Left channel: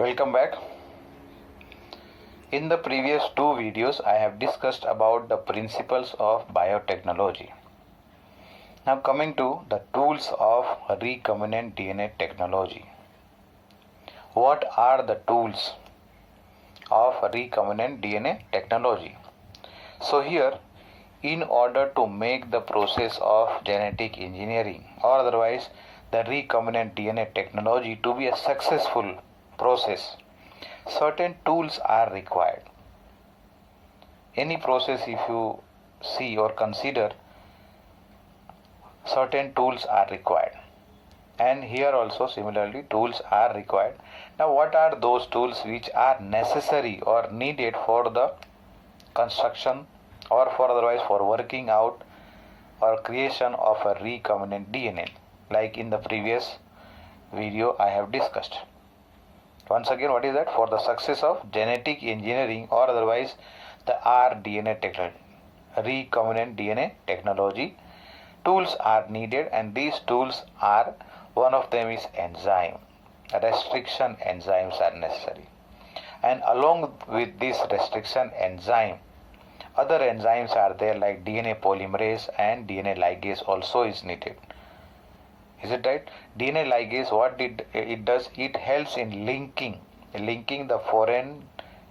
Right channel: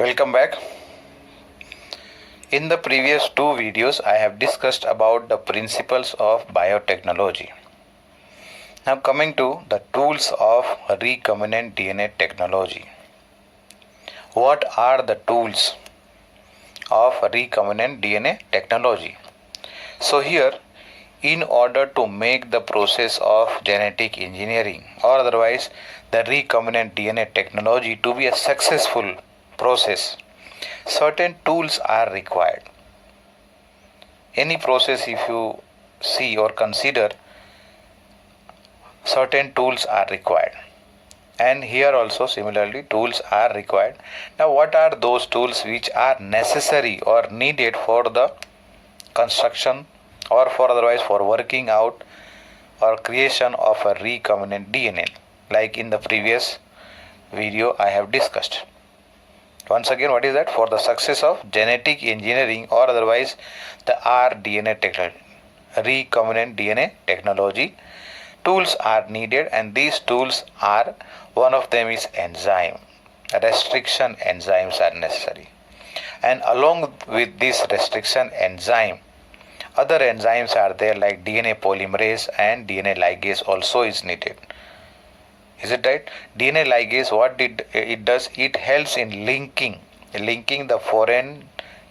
Welcome back. In the previous two videos, I have discussed about the principles of biotechnology. Now coming to the tools of recombinant DNA technology. What are the tools of recombinant DNA technology? So here, in order to make the process of genetic engineering or otherwise the recombinant DNA technology to be a successful process, certain tools are required. Any process, if you see or consider, certain tools are required. And here also similarly tools are required. Now what are those tools which are necessary or needed for the construction or for otherwise for working out or creation of a recombinant DNA, like in the previous video I have discussed. Once again, what is that? For the success of genetic engineering or otherwise the rDNA technology, recombinant DNA technology, tools are needed, and these tools are, one of them is enzyme. Restriction enzymes are necessary. And along with this restriction enzyme, other enzymes are there like DNA polymerase and DNA ligase also is needed. Is it right? DNA ligase, what it does? It helps in linking the foreign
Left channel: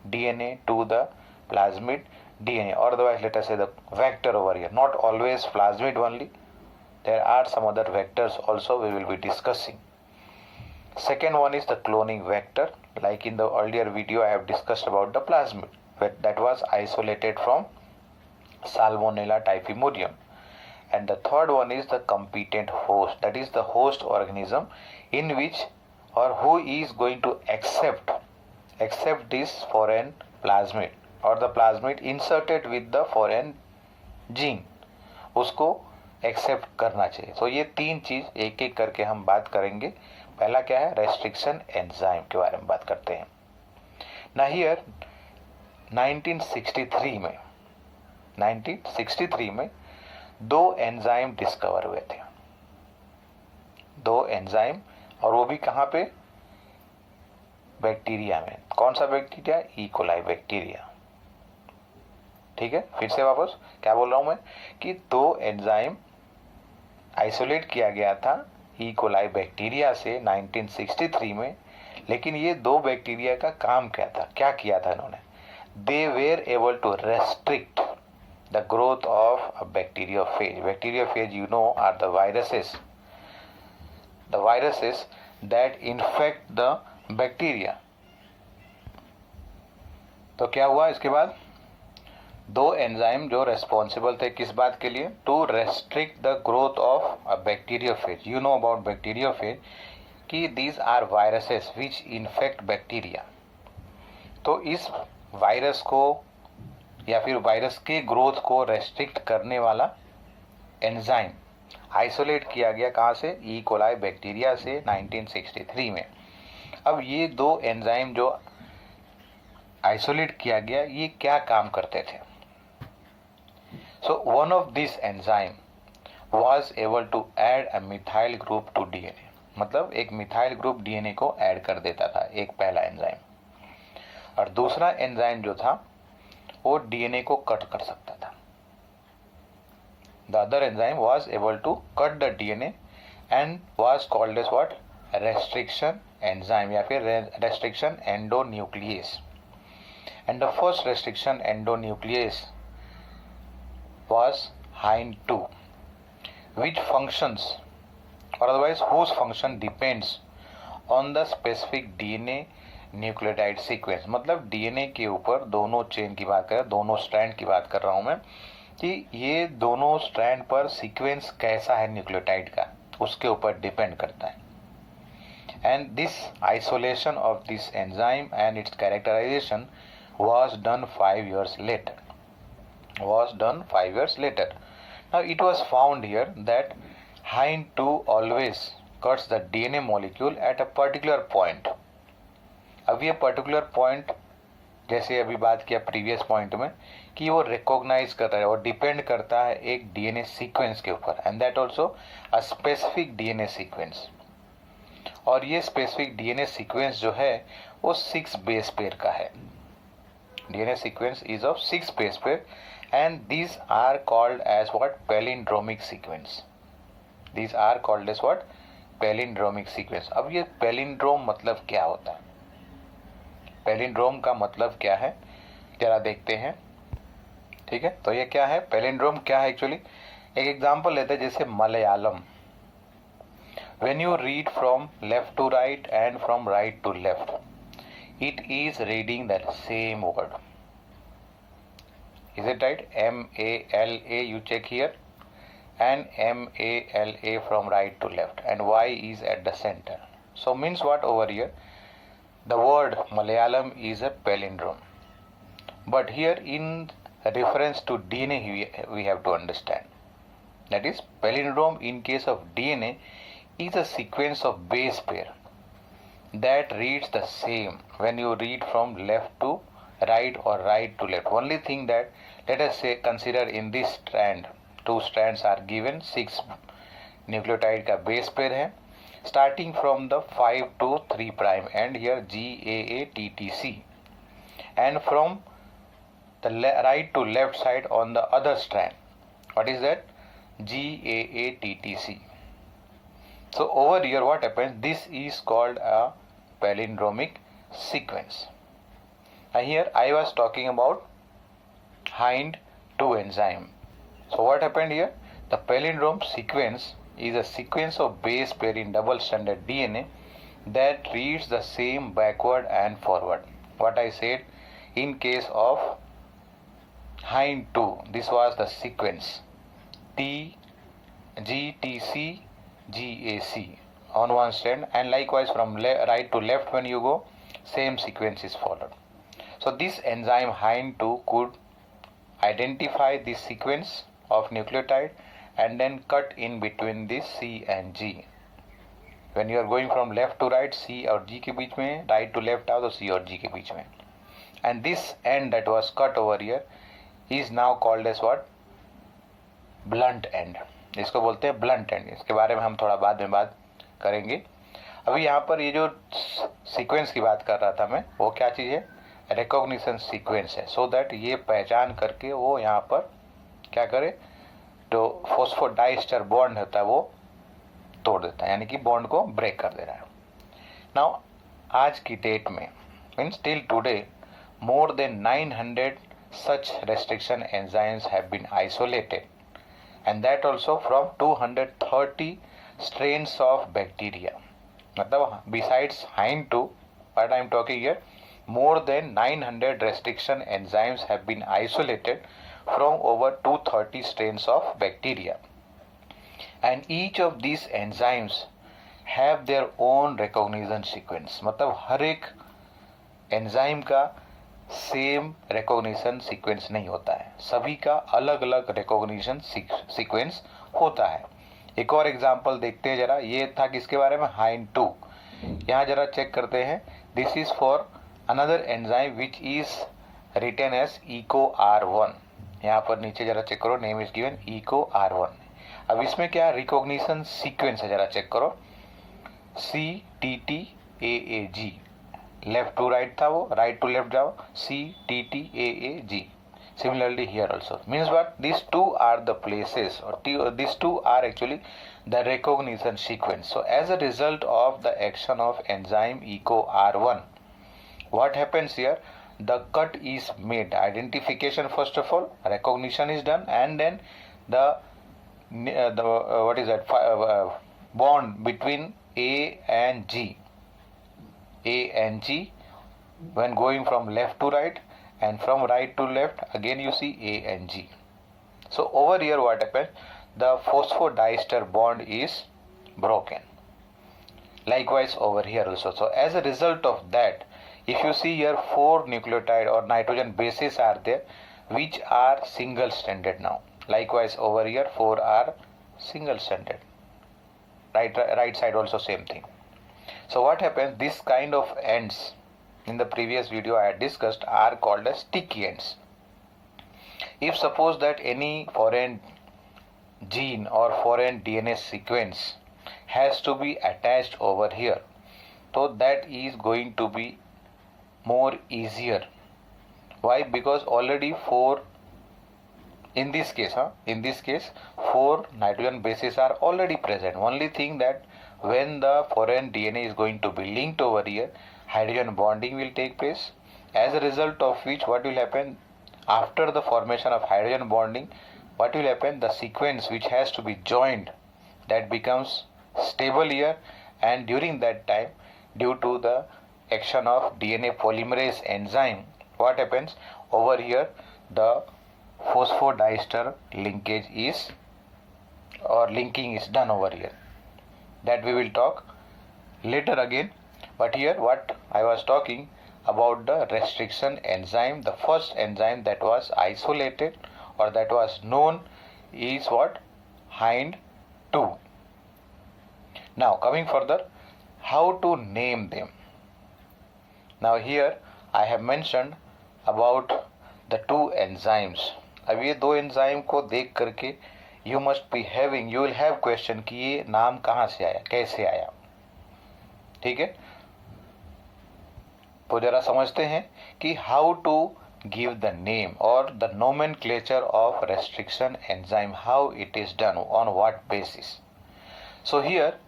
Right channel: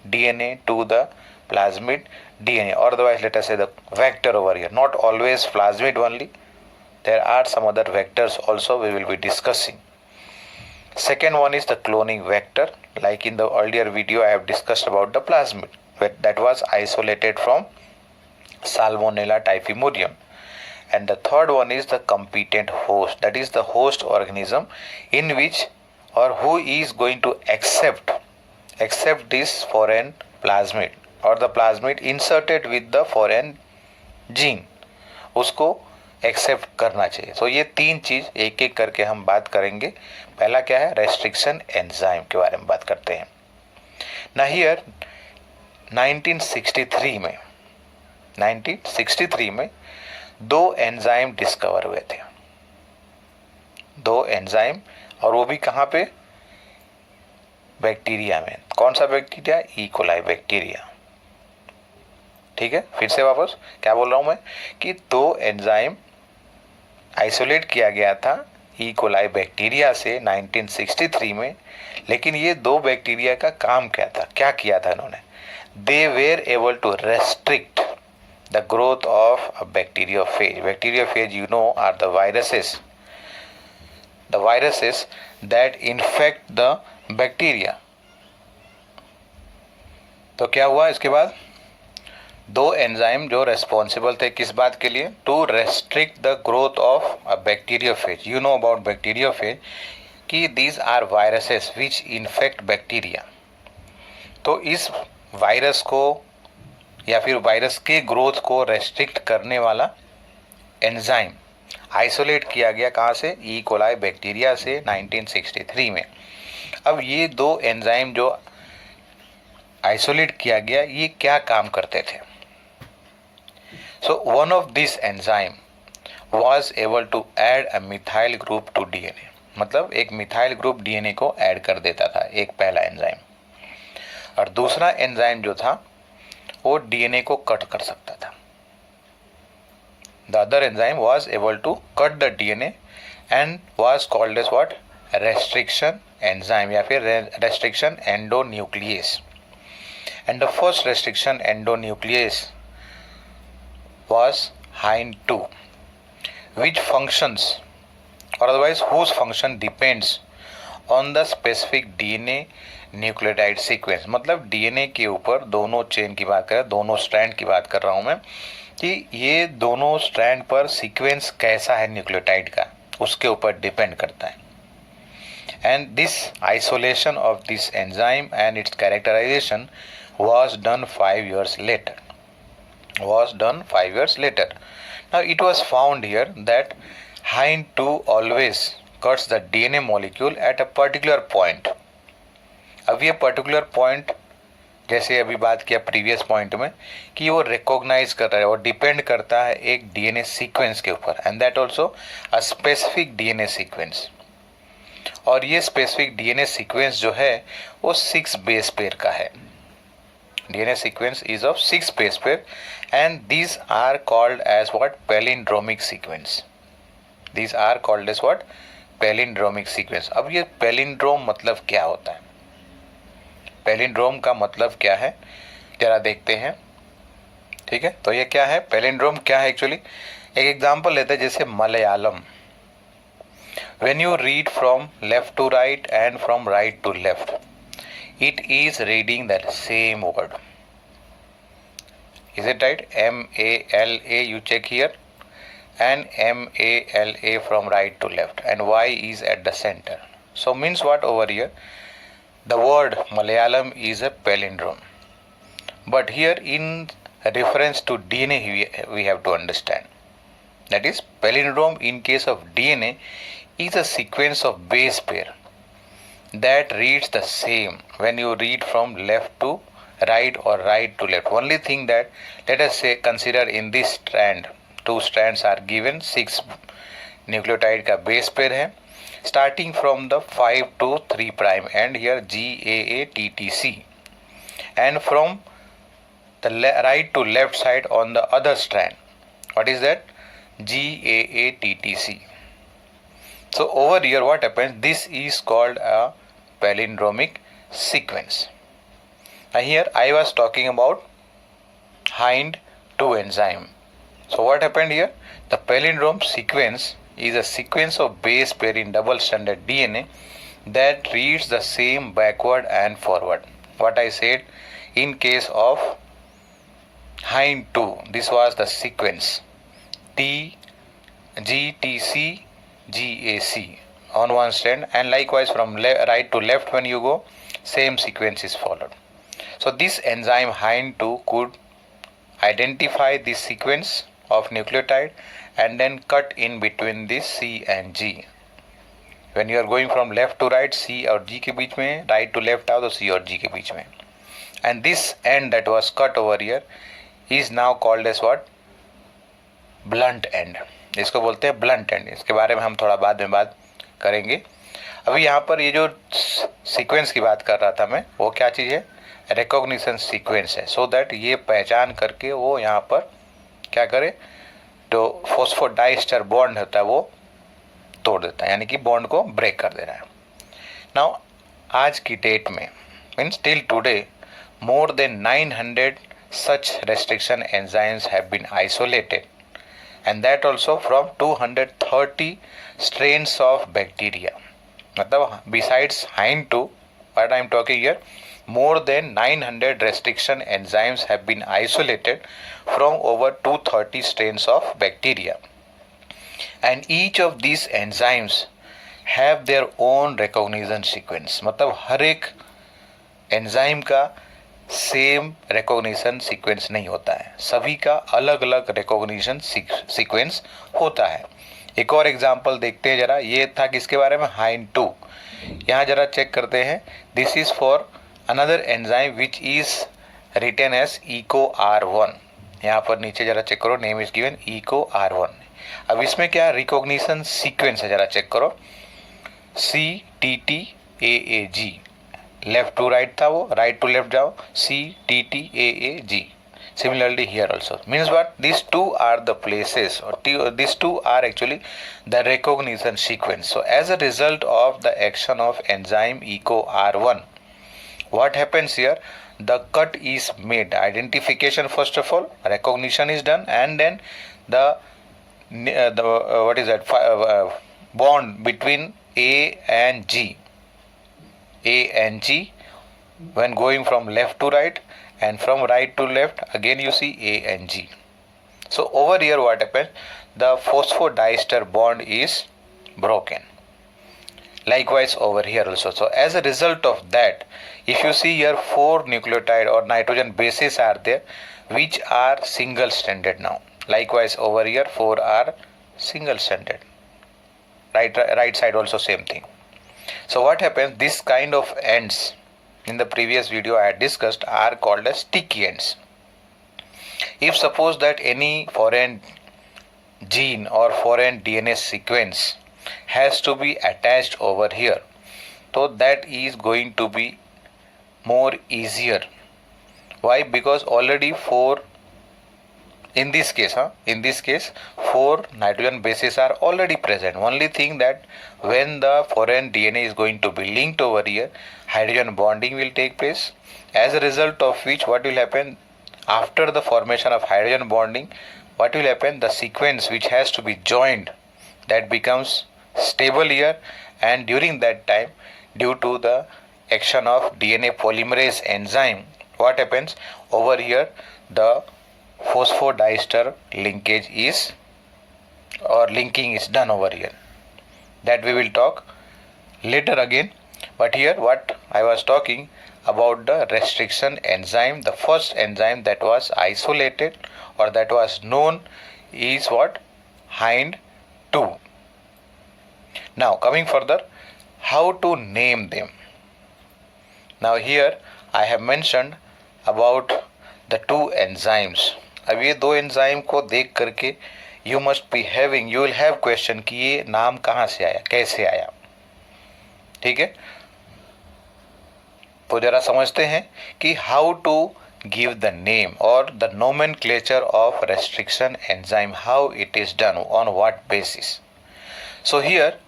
DNA to the plasmid DNA, or otherwise let us say the vector over here. Not always plasmid only. There are some other vectors also we will be discussing. Second one is the cloning vector. Like in the earlier video I have discussed about the plasmid that was isolated from Salmonella typhimurium. And the third one is the competent host, that is the host organism in which or who is going to accept this foreign plasmid or the plasmid inserted with the foreign gene, उसको accept करना चाहिए. तो ये तीन चीज एक एक करके हम बात करेंगे. पहला क्या है? रेस्ट्रिक्शन एंजाइम के बारे में बात करते हैं. ना हियर 1963 में दो एंजाइम डिस्कवर हुए थे. दो एंजाइम, और वो भी कहाँ पे? बैक्टीरिया में. कौन सा बैक्टीरिया? E coli bacteria. ठीक है, फिर से वापस क्या बोल रहा हूं मैं कि दो एंजाइम आइसोलेट किया गया था ई कोलाई बैक्टीरिया से 1963 में. लेकिन ये दो बैक्टीरिया का काम क्या था? क्या किया था इन्होंने? They were able to restrict the growth of a bacteriophage. Bacteriophage, you know, are the viruses that infect the bacteria. तो क्या हुआ इसके बाद? दो एंजाइम जो रेस्पॉन्सिबल थे किस बात के लिए? To restrict the growth of a bacteriophage. You know about bacteriophage कि these are viruses which infect bacteria. तो इस वायरस को या फिर वायरस के ग्रोथ को रेस्ट्रिक्ट करने वाला एंजाइम आइसोलेट किया गया. कहाँ से? ई कोलाई बैक्टीरिया से 1963 में. अब ये दो एंजाइम जो आइसोलेट किया गया, ये क्या काम करते थे? So one of this enzyme was able to add a methyl group to DNA. मतलब एक मिथाइल ग्रुप डीएनए को ऐड कर देता था, एक पहला एंजाइम. और दूसरा एंजाइम जो था वो डीएनए को कट कर सकता था. The other enzyme was able to cut the DNA and was called as what? Restriction enzyme या फिर restriction endonuclease. And the first restriction endonuclease was HIND2, which functions or otherwise whose function depends on the specific DNA nucleotide sequence. मतलब DNA के ऊपर दोनों chain की बात करें, दोनों स्ट्रैंड की बात कर रहा हूं मैं, कि ये दोनों स्ट्रैंड पर सीक्वेंस कैसा है न्यूक्लियोटाइड का, उसके ऊपर डिपेंड करता है. And this isolation of this enzyme and its characterization was done 5 years later. Now it was found here that HIND2 always cuts the DNA molecule at a particular point. अब ये particular point, जैसे अभी बात किया previous point में, कि वो recognise कर रहा है और डिपेंड करता है एक डीएनए सीक्वेंस के ऊपर, and that also a specific DNA sequence. और ये स्पेसिफिक डीएनए सीक्वेंस जो है वो 6 बेस पेयर का है. DNA sequence is of 6 base pair and these are called as what? Palindromic sequence. These are called as what? Palindromic sequence. अब ये palindrome मतलब क्या होता है? Palindrome का मतलब क्या है जरा देखते हैं. ठीक है, तो ये क्या है? Palindrome क्या है एक्चुअली? एक एग्जांपल लेते हैं जैसे Malayalam. When you read from left to right and from right to left, it is reading the same word. Is it right? M-A-L-A, you check here, and M-A-L-A from right to left, and Y is at the center. So means what over here? The word Malayalam is a palindrome. But here in reference to DNA we have to understand. That is, palindrome in case of DNA is a sequence of base pair that reads the same when you read from left to right or right to left. Only thing that, let us say, consider in this strand, 2 strands are given, 6 nucleotide का base pair है, starting from the 5 to 3 prime end here GAATTC, and from the right to left side on the other strand, what is that? GAATTC. So over here what happens? This is called a palindromic sequence. Now here I was talking about Hind2 enzyme. So what happened here? The palindrome sequence is a sequence of base pair in double-stranded DNA that reads the same backward and forward. What I said, in case of Hind2, this was the sequence GTC GAC on one strand, and likewise from right to left when you go, same sequence is followed. So this enzyme Hind2 could identify this sequence of nucleotide and then cut in between this C and G. When you are going from left to right, C और G के बीच में, right to left आओ तो C और G के बीच में. And this end that was cut over here is now called as what? Blunt end. इसको बोलते हैं ब्लंट एंड. इसके बारे में हम थोड़ा बाद में बात करेंगे. अभी यहाँ पर ये जो सीक्वेंस की बात कर रहा था मैं, वो क्या चीज़ है? रिकॉग्निशन सीक्वेंस है. सो दैट ये पहचान करके वो यहाँ पर क्या करे, जो फॉस्फोडाइस्टर बॉन्ड होता है वो तोड़ देता है, यानी कि बॉन्ड को ब्रेक कर दे रहा है. नाउ आज की डेट में, means till today, more than 900 such restriction enzymes have been isolated, and that also from 230 strains of bacteria. मतलब besides Hind2, what I am talking here, more than 900 restriction enzymes have been isolated from over 230 strains of bacteria, and each of these enzymes have their own recognition sequence. मतलब हर एक enzyme का same recognition sequence नहीं होता है, सभी का अलग अलग रिकॉग्निशन सीक्वेंस होता है. एक और एग्जांपल देखते हैं जरा. ये था किसके बारे में? Hind2. यहाँ जरा चेक करते हैं. This is for another enzyme which is written as EcoR1. यहाँ पर नीचे जरा चेक करो, नेम इज गिवन EcoR1. अब इसमें क्या रिकॉग्निशन सीक्वेंस है, जरा चेक करो. CTTAAG, लेफ्ट टू राइट था वो, राइट टू लेफ्ट जाओ, CTTAAG. Similarly here also. Means what? These two are the places, or these two are actually the recognition sequence. So as a result of the action of enzyme EcoR1, what happens here? The cut is made. Identification first of all, recognition is done, and then the what is that? Bond between A and G. A and G, when going from left to right and from right to left, again you see A and G. So over here what happens? The phosphodiester bond is broken. Likewise over here also. So as a result of that, if you see here, 4 nucleotide or nitrogen bases are there which are single stranded now. Likewise over here 4 are single stranded. Right side also same thing. So what happens? This kind of ends in the previous video I had discussed are called as sticky ends. If suppose that any foreign gene or foreign DNA sequence has to be attached over here, so that is going to be more easier. Why? Because already four, in this case, four nitrogen bases are already present. Only thing that when the foreign DNA is going to be linked over here, hydrogen bonding will take place. As a result of which, what will happen after the formation of hydrogen bonding? What will happen? The sequence which has to be joined, that becomes stable here, and during that time, due to the action of DNA polymerase enzyme, what happens over here? The phosphodiester linkage is, or linking is done over here. That we will talk later again. But here what I was talking about, the restriction enzyme, the first enzyme that was isolated or that was known is what? Hind 2. Now coming further, how to name them? Now here I have mentioned about the two enzymes. अब ये दो enzyme को देख करके you must be having, you will have question कि ये नाम कहाँ से आया, कैसे आया. ठीक है, तो जरा समझते हैं कि how to give the name और the nomenclature of restriction enzyme, how it is done, on what basis. So here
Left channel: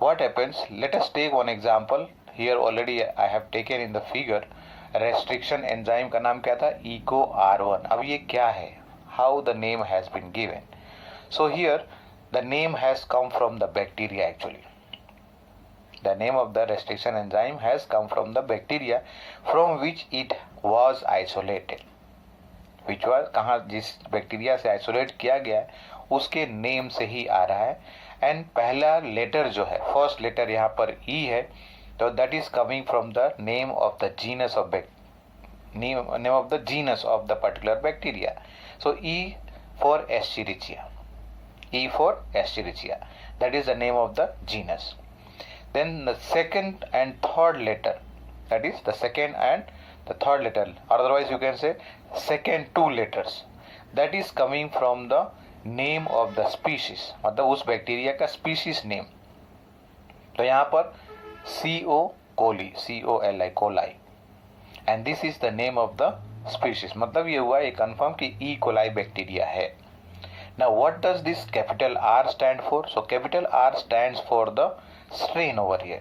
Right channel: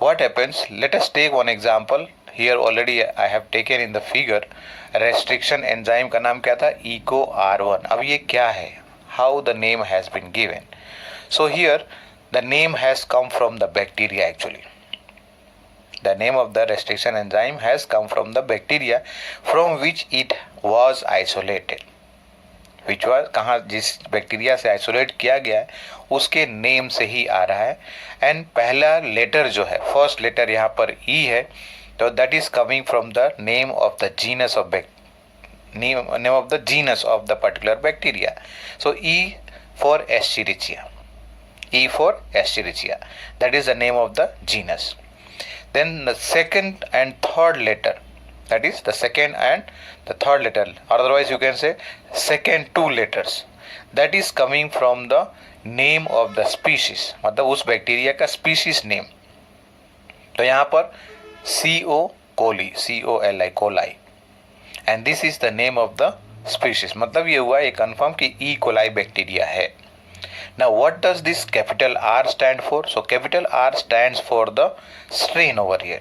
what happens, let us take one example. Here already I have taken in the figure. Restriction enzyme का नाम क्या था? ECO R1. अब ये क्या है? How the name has been given. So here the name has come from the bacteria actually. The name of the restriction enzyme has come from the bacteria from which it was isolated. Which was कहाँ, जिस bacteria से isolate किया गया है उसके name से ही आ रहा है. एंड पहला लेटर जो है, फर्स्ट लेटर यहाँ पर E है, तो that is coming from the name of the genus of name of the genus of the particular bacteria. So E for Escherichia. E for Escherichia. That is the name of the genus. Then the second and third letter, that is the second and the third letter, otherwise you can say second two letters, that is coming from the name of the species, मतलब उस bacteria का species name. तो यहाँ पर CO coli, COLI, coli, and this is the name of the species. मतलब ये हुआ ये confirm कि E. coli बैक्टीरिया है. Now what does this capital R stand for? So capital R stands for the strain over here.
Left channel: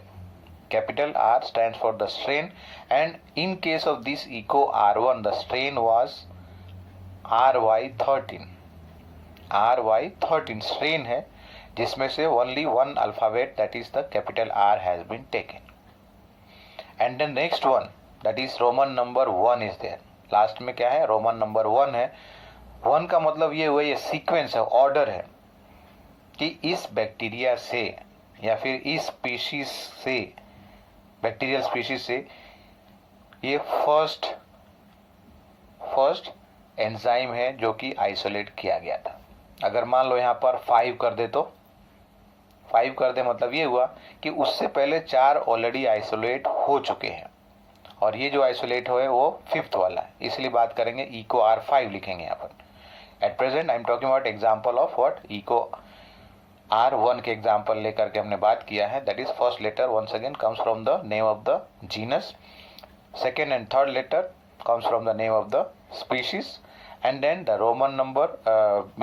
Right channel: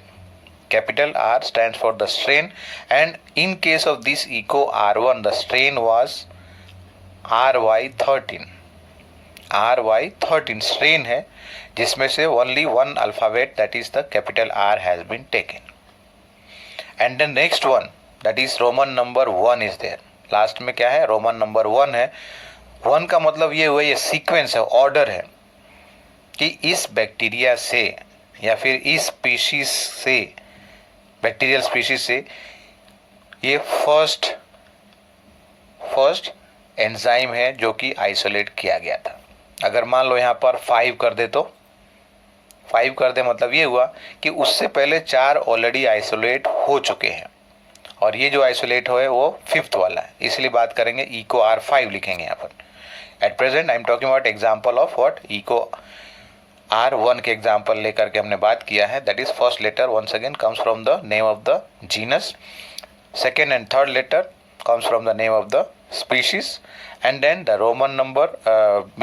Capital R stands for the strain, and in case of this ECO R1, the strain was RY13. RY13 strain है जिसमें से only one alphabet, that is the capital R, has been taken. And the next one, that is Roman number 1 is there. Last में क्या है? Roman number 1 है. 1 का मतलब ये हुआ, ये सीक्वेंस है, ऑर्डर है कि इस बैक्टीरिया से या फिर इस स्पीशीज से, बैक्टीरियल स्पीशीज से, ये फर्स्ट एंजाइम है जो कि आइसोलेट किया गया था. अगर मान लो यहाँ पर 5 कर दे, तो 5 कर दे मतलब ये हुआ कि उससे पहले 4 ऑलरेडी आइसोलेट हो चुके हैं, और ये जो आइसोलेट हुए वो 5th वाला है, इसलिए बात करेंगे ECO R5 लिखेंगे यहाँ पर. At present I am talking about example of what, ECO R1 के एग्जाम्पल लेकर के हमने बात किया है. That is first letter once again comes from the name of the genus, second and third letter comes from the name of the species, and then the Roman number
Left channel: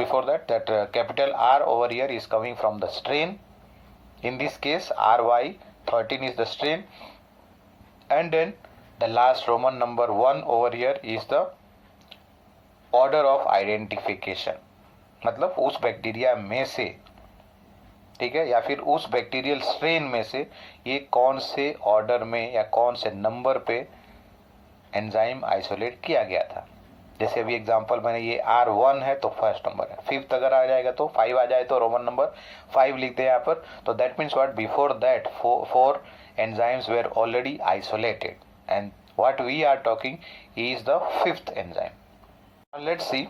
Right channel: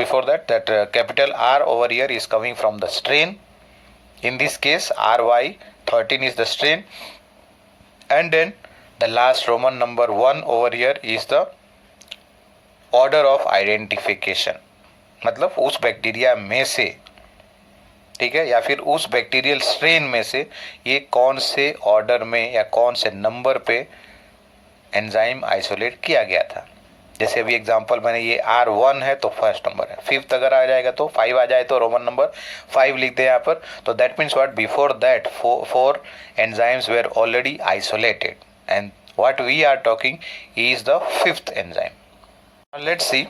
before that capital R over here is coming from the strain. In this case RY13 is the strain, and then the last Roman number 1 over here is the order of identification, मतलब उस bacteria में से, ठीक है, या फिर उस bacterial strain में से ये कौन से ऑर्डर में या कौन से नंबर पे एंजाइम आइसोलेट किया गया था. जैसे अभी एग्जांपल मैंने, ये R1 है तो फर्स्ट नंबर है, 5th अगर आ जाएगा तो 5 आ जाए तो रोमन नंबर 5 लिखते हैं यहाँ पर. तो that means what, before that 4 enzymes were already isolated, and what we are talking is the 5th enzyme. Let's see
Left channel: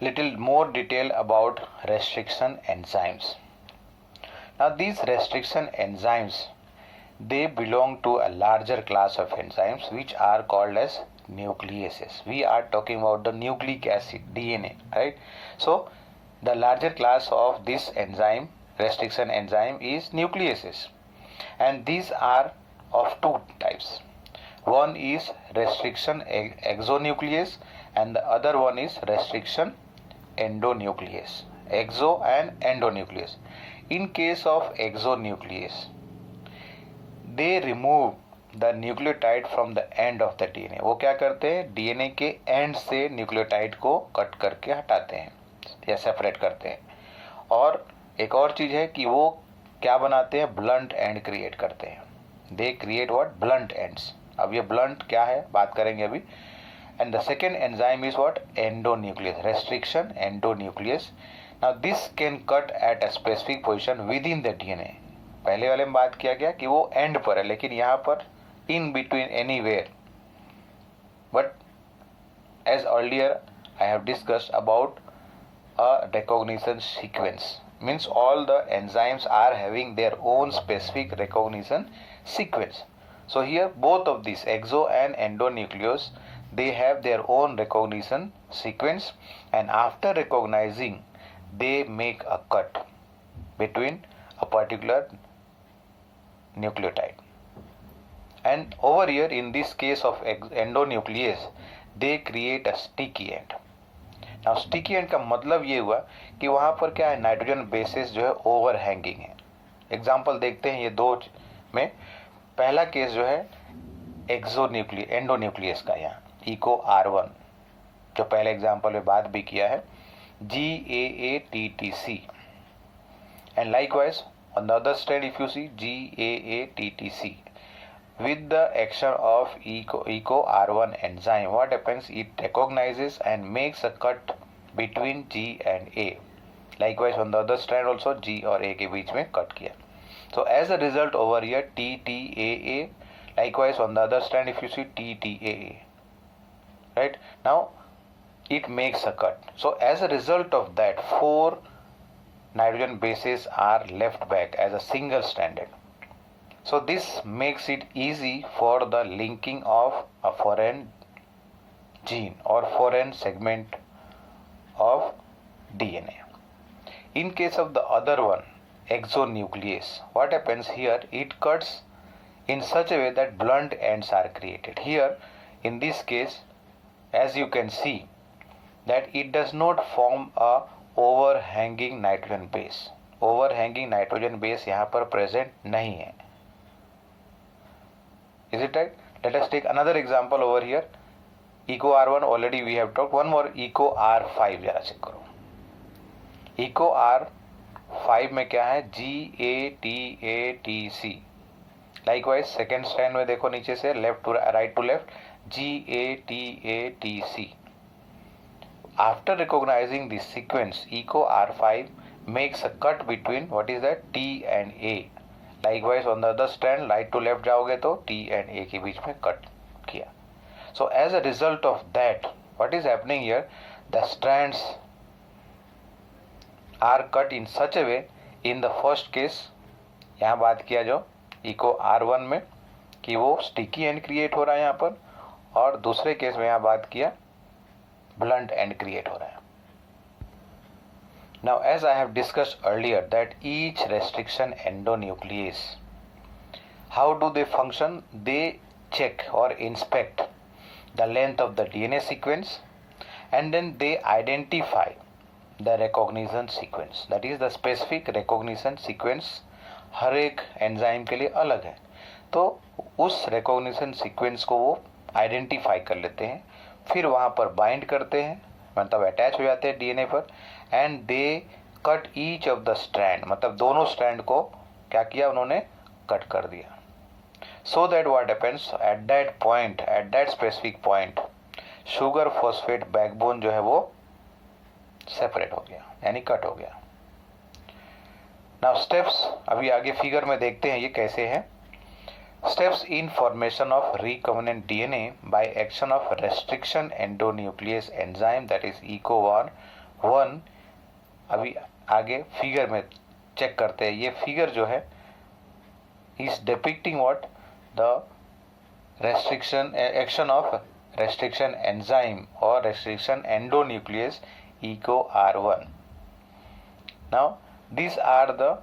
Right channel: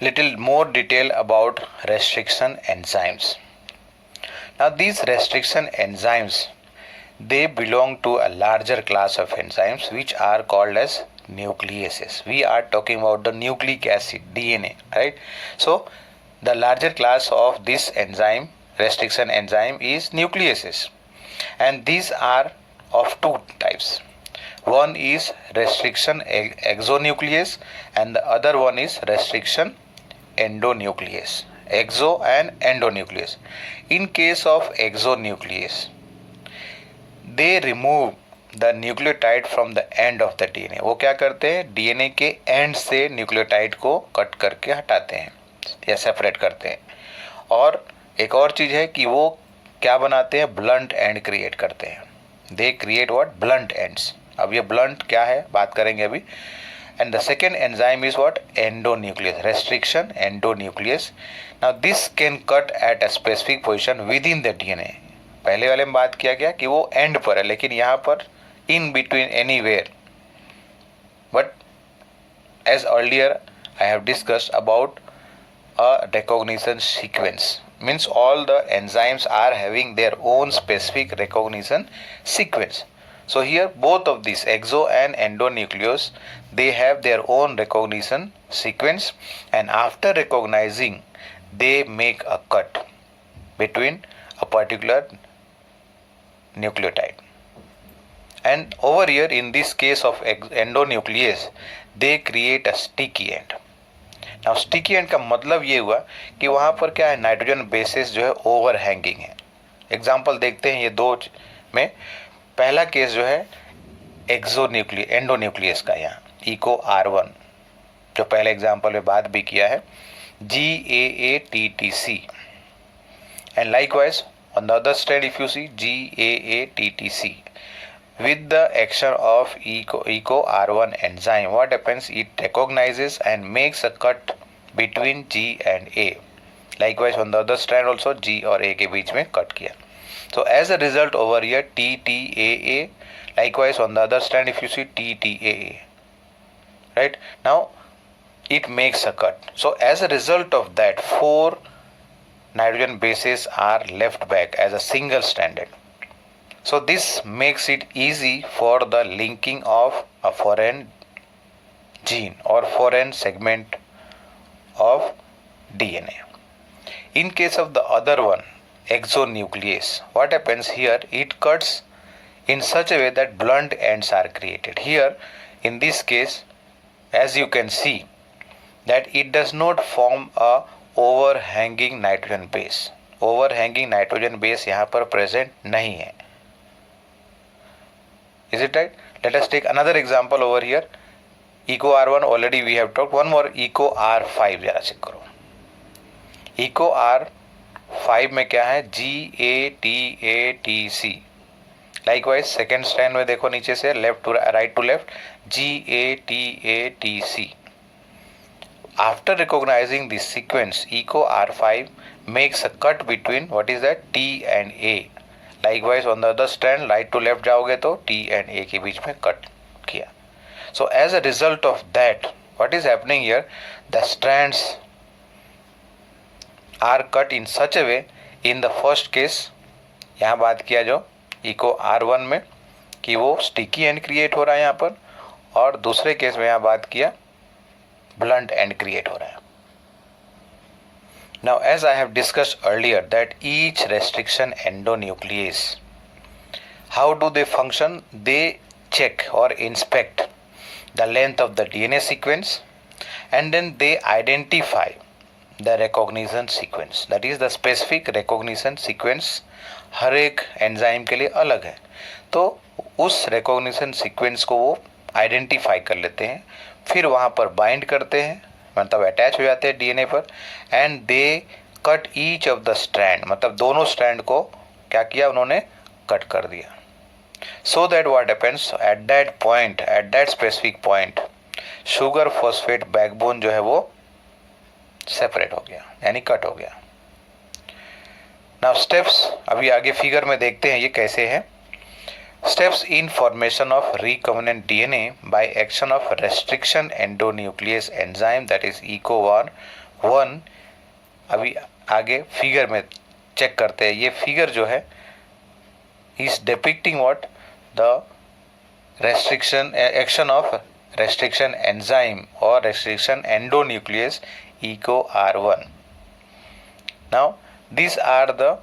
little more detail about restriction enzymes. Now these restriction enzymes, they belong to a larger class of enzymes which are called as nucleases. We are talking about the nucleic acid, DNA, right? So the larger class of this enzyme, restriction enzyme, is nucleases. and these are of two types. One is restriction exonuclease and the other one is restriction endonuclease. Exo and endonuclease. In case of exonuclease, they remove the nucleotide from the end of the DNA. वो क्या करते हैं, DNA के and से nucleotide को cut करके हटाते हैं या सेपरेट करते हैं. और एक और चीज़ है कि वो क्या बनाते हैं, ब्लंट एंड क्रिएट करते हैं. They create what, blunt ends. अब ये ब्लंट क्या है बात करेंगे अभी. And the second enzyme is what, endonuclease, restriction endonuclease. Now this can cut at a specific position with in the DNA. पहले वाले में बात किया गया कि वो एंड पर है, लेकिन यहाँ पर in between anywhere. But as earlier I have discussed about a recognition sequence, means all the enzymes are having their own specific recognition sequence. So here both of these exo and endonuclease, they have their own recognition sequence, and after recognizing they make a cut between a particular nucleotide. And over here in this case of endonuclease, they create a sticky end. Now sticky end का मतलब ये हुआ कि वहाँ पर क्या है, nitrogen bases जो है ओवर हैंगिंग है. एग्जाम्पल देखते हैं ये दो में. पहला केस जो है एंडोन्यूक्लियस का, यहाँ इको R1 जो पहले एग्जाम्पल में बात भी किया है, GAATTC. And likewise on the other strand if you see GAATTC. With the action of eco R1 enzyme, what happens, it recognizes and makes a cut between G and A. Likewise on the other strand also G और A के बीच में cut किया. So as a result over here TTAA, likewise on the other strand if you see TTAA, right, now it makes a cut. So as a result of that, 4 nitrogen bases are left back as a single stranded. So this makes it easy for the linking of a foreign gene or foreign segment of DNA. In case of the other one, exonuclease, what happens here, it cuts in such a way that blunt ends are created. Here in this case, as you can see, that it does not form a overhanging nitrogen base. Overhanging nitrogen base यहाँ पर present नहीं है. Is it right? Let us take another example over here. Eco R1 already we have talked. One more eco R5 जरा check करो. Eco R5 में क्या है, GATATC. Likewise second strand में देखो नीचे से left to right to left, GATATC. After recognizing this sequence, eco R5 makes a cut between what is that, T and A. Likewise on the other strand right to left जाओगे तो T and A के बीच में cut किया. So as a result of that, what is happening here, the strands are cut in such a way. In the first case यहाँ बात किया जो eco R1 में कि वो स्टिकी एंड क्रिएट हो रहा है यहाँ पर, और दूसरे केस में यहाँ बात किया ब्लंट एंड क्रिएट हो रहा है. Now, as I have discussed earlier, that each restriction endonuclease, how do they function? They check or inspect the length of the DNA sequence, and then they identify the recognition sequence. That is the specific recognition sequence हर एक enzyme के लिए अलग है. तो उस recognition sequence को वो identify कर लेते हैं, फिर वहाँ पर बाइंड करते हैं, मतलब अटैच हो जाते हैं डीएनए पर, and they cut each of the strand, मतलब दोनों स्ट्रैंड को क्या किया उन्होंने, कट कर दिया. So that what happens, at that point, at that specific point, sugar phosphate backbone जो है वो सेपरेट हो गया, यानी कट हो गया. नाउ स्टेप्स अभी आगे फिगर में देखते हैं ये कैसे हैं. Steps in formation of recombinant DNA by action of restriction endonuclease enzyme, that is ECO1. अभी आगे फिगर में चेक करते हैं. ये फिगर जो है is depicting what, the restriction action of restriction enzyme or restriction endonuclease ECO R1. Now these are the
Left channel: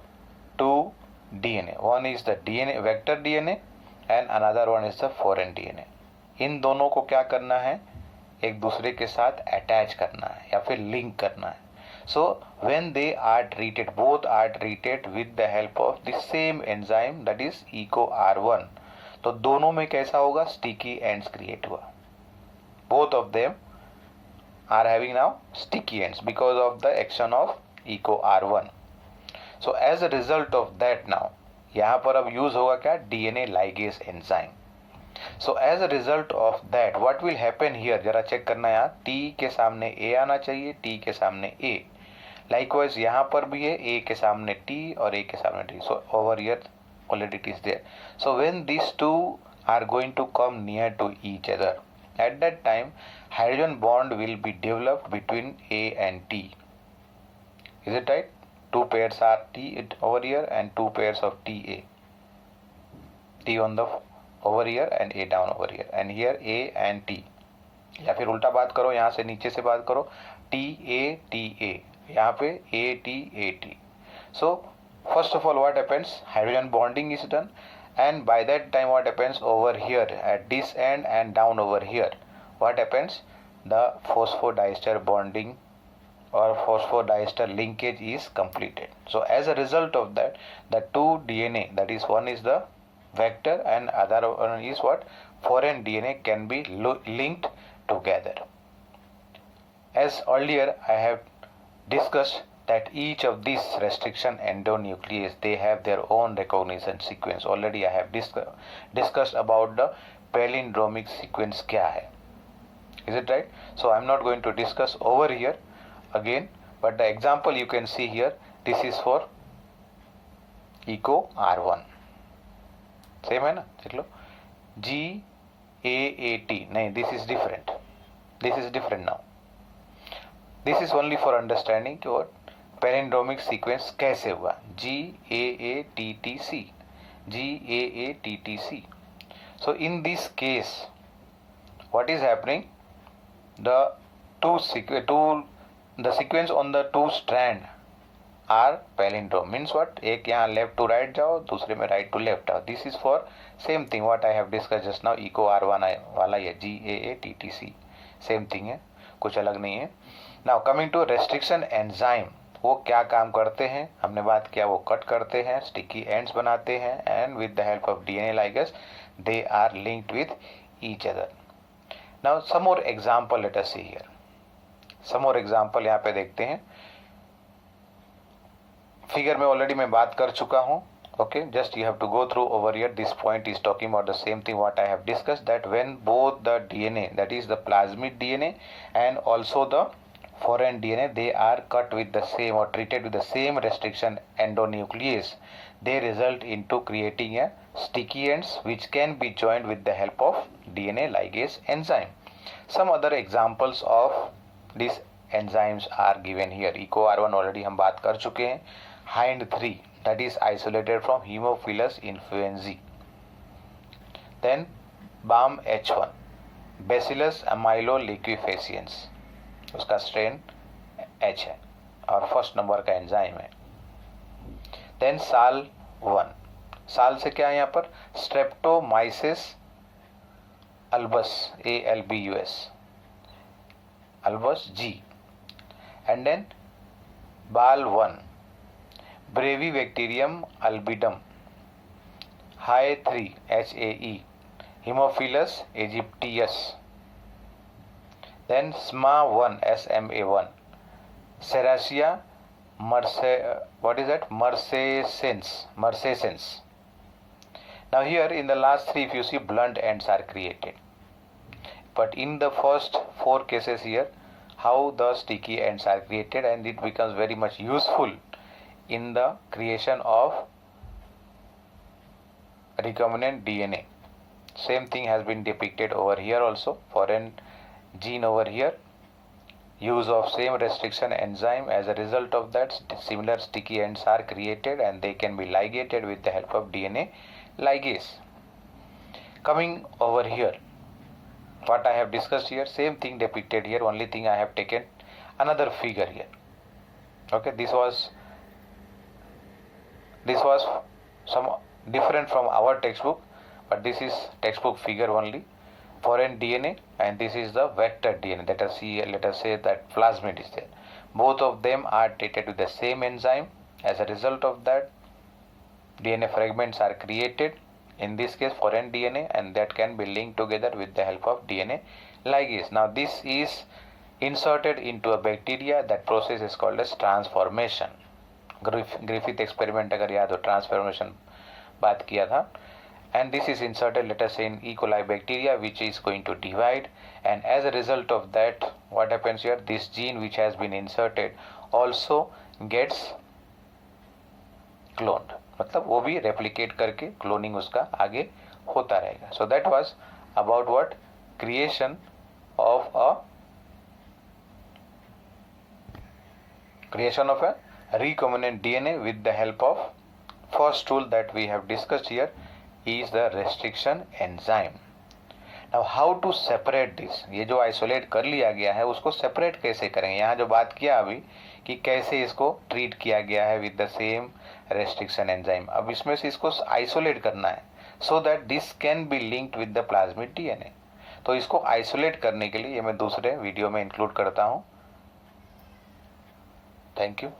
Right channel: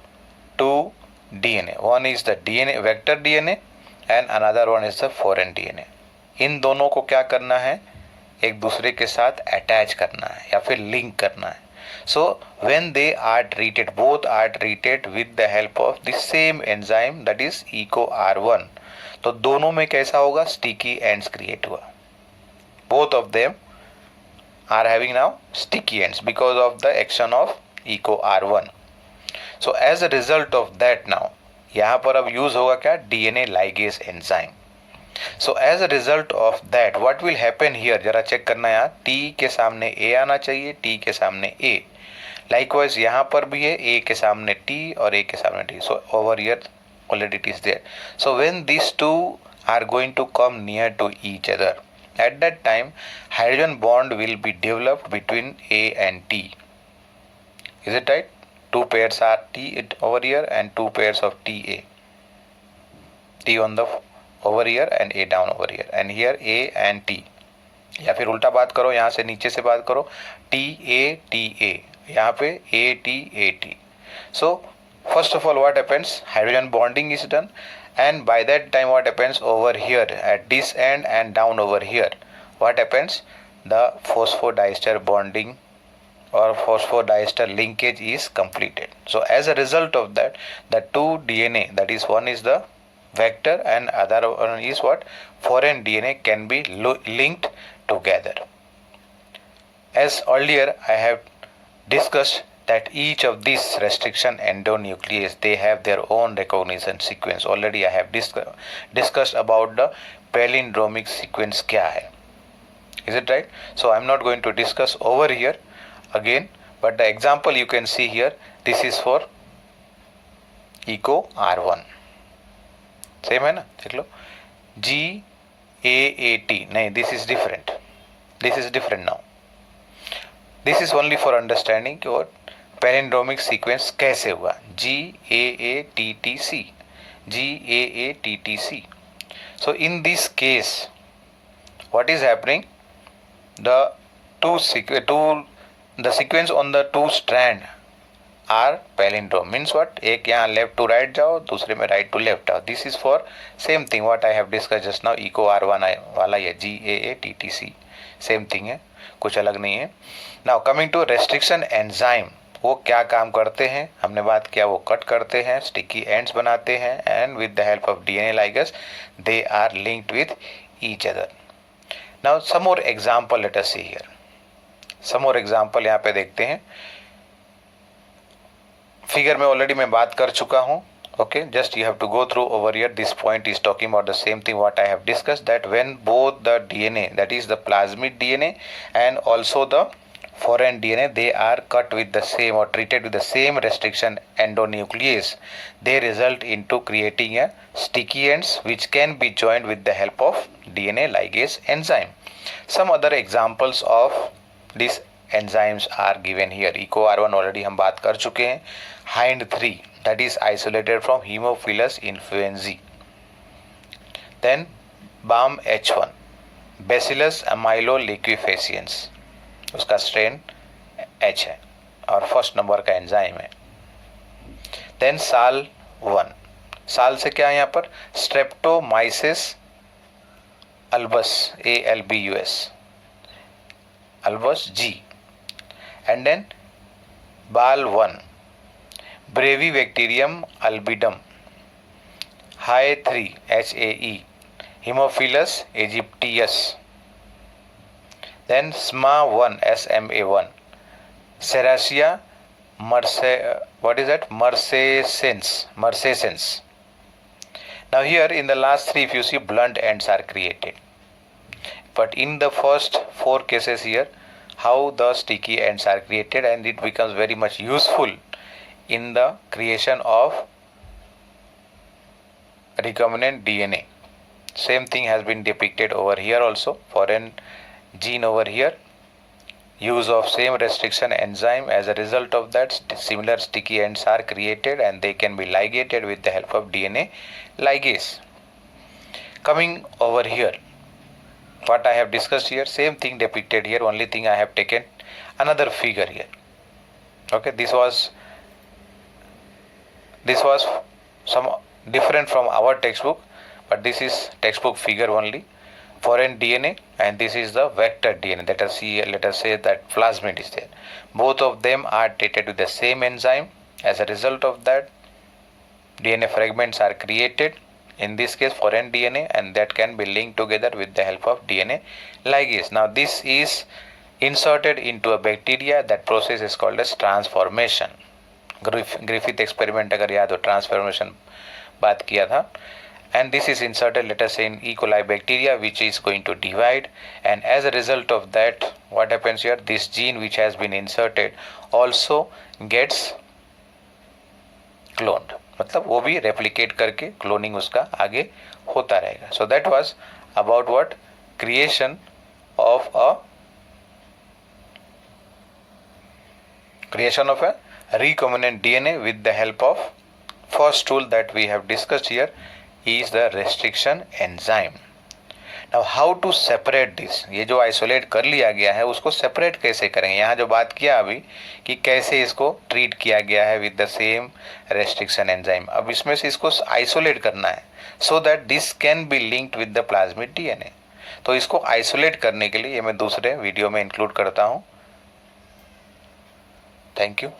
two DNA. One is the DNA vector DNA and another one is the foreign DNA. इन दोनों को क्या करना है, एक दूसरे के साथ attach करना है या फिर लिंक करना है. So when they are treated, both are treated with the help of the same enzyme, that is EcoR1. तो दोनों में कैसा होगा, sticky ends create हुआ. Both of them are having now sticky ends because of the action of EcoR1. So as a result of that now, यहाँ पर अब use होगा क्या, DNA ligase enzyme. So as a result of that, what will happen here, जरा check करना है. यहाँ T के सामने A आना चाहिए, T के सामने A. Likewise यहाँ पर भी है, A के सामने T और A के सामने T. So over here already it is there. So when these two are going to come near to each other, at that time hydrogen bond will be developed between A and T. Is it right? Two pairs are T over here and two pairs of TA. T on the over here and A down over here, and here A and T. या फिर उल्टा बात करो, यहाँ से नीचे से बात करो, TA, यहाँ पे AT. So first of all what happens, hydrogen bonding is done, and by that time what happens over here at this end and down over here, what happens, the phosphodiester bonding or phosphodiester linkage is completed. So as a result of that, the two DNA, that is one is the vector and other one is what, foreign DNA, can be linked together. As earlier I have discussed that each of these restriction endonuclease, they have their own recognition sequence. Already I have discussed about the palindromic sequence kya hai. Is it right? So I am not going to discuss over here again, but the example you can see here, this is for EcoR1. Same है ना, देख लो, GAAT, नहीं, this is different now. This is only for understanding कि वो palindromic sequence कैसे हुआ, GAATTC. So in this case what is happening, the sequence on the two strand are palindrome. Means what, एक यहाँ left to right जाओ, दूसरे में right to left आओ. This is for same thing what I have discussed just now, EcoR1 वाला ये GAATTC, same thing है, कुछ अलग नहीं है. Now coming to restriction enzyme, वो क्या काम करते हैं, हमने बात किया, वो कट करते हैं, sticky ends बनाते हैं, and with the help of DNA ligase they are linked with each other. Now some more example let us see here. Some more example यहाँ पे देखते हैं. फिगर में ऑलरेडी मैं बात कर चुका हूँ. Okay, just you have to go through over here. This point is talking about the same thing what I have discussed, that when both the DNA, that is the plasmid DNA and also the foreign DNA, they are cut with the same or treated with the same restriction endonuclease, they result into creating a sticky ends which can be joined with the help of DNA ligase enzyme. Some other examples of these enzymes are given here. EcoR1 already हम बात कर चुके हैं. Hind3, that is isolated from Haemophilus influenzae. Then BAMH1, Bacillus amyloliquefaciens, उसका strain H है और first number का enzyme है. देन SAL1, साल से क्या है यहाँ पर, streptomyces albus, ALBUS, albus G. And then BAL1, Brevibacterium albidum, HAE3, HAE, Haemophilus aegyptius. Then SMA1, SMA1, Serratia marcescens. Now here in the last three, if you see, blunt ends are created. But in the first four cases here, how the sticky ends are created, and it becomes very much useful in the creation of recombinant DNA. Same thing has been depicted over here also, foreign gene over here, use of same restriction enzyme. As a result of that, similar sticky ends are created and they can be ligated with the help of DNA ligase. Coming over here, what I have discussed here, same thing depicted here, only thing I have taken another figure here. Okay, this was some different from our textbook, but this is textbook figure only. Foreign DNA, and this is the vector DNA. Let us say that plasmid is there. Both of them are treated with the same enzyme. As a result of that, DNA fragments are created, in this case foreign DNA, and that can be linked together with the help of DNA ligase. Now this is inserted into a bacteria. That process is called as transformation. Griffith experiment अगर याद हो, transformation बात किया था. And this is inserted, let us say, in E. coli bacteria, which is going to divide, and as a result of that, what happens here, this gene which has been inserted also gets cloned. मतलब वो भी replicate करके cloning उसका आगे होता रहेगा. So that was about what? Creation of a recombinant DNA with the help of first tool that we have discussed here is the restriction enzyme. Now how to separate this? ये जो isolate कर लिया गया है उसको separate कैसे करेंगे? यहाँ जो बात किया अभी कि कैसे इसको treat किया गया है with the same restriction enzyme. अब इसमें से इसको isolate करना है so that this can be linked with the plasmid DNA. तो इसको isolate करने के लिए ये मैं दूसरे वीडियो में include करता हूँ. Thank you.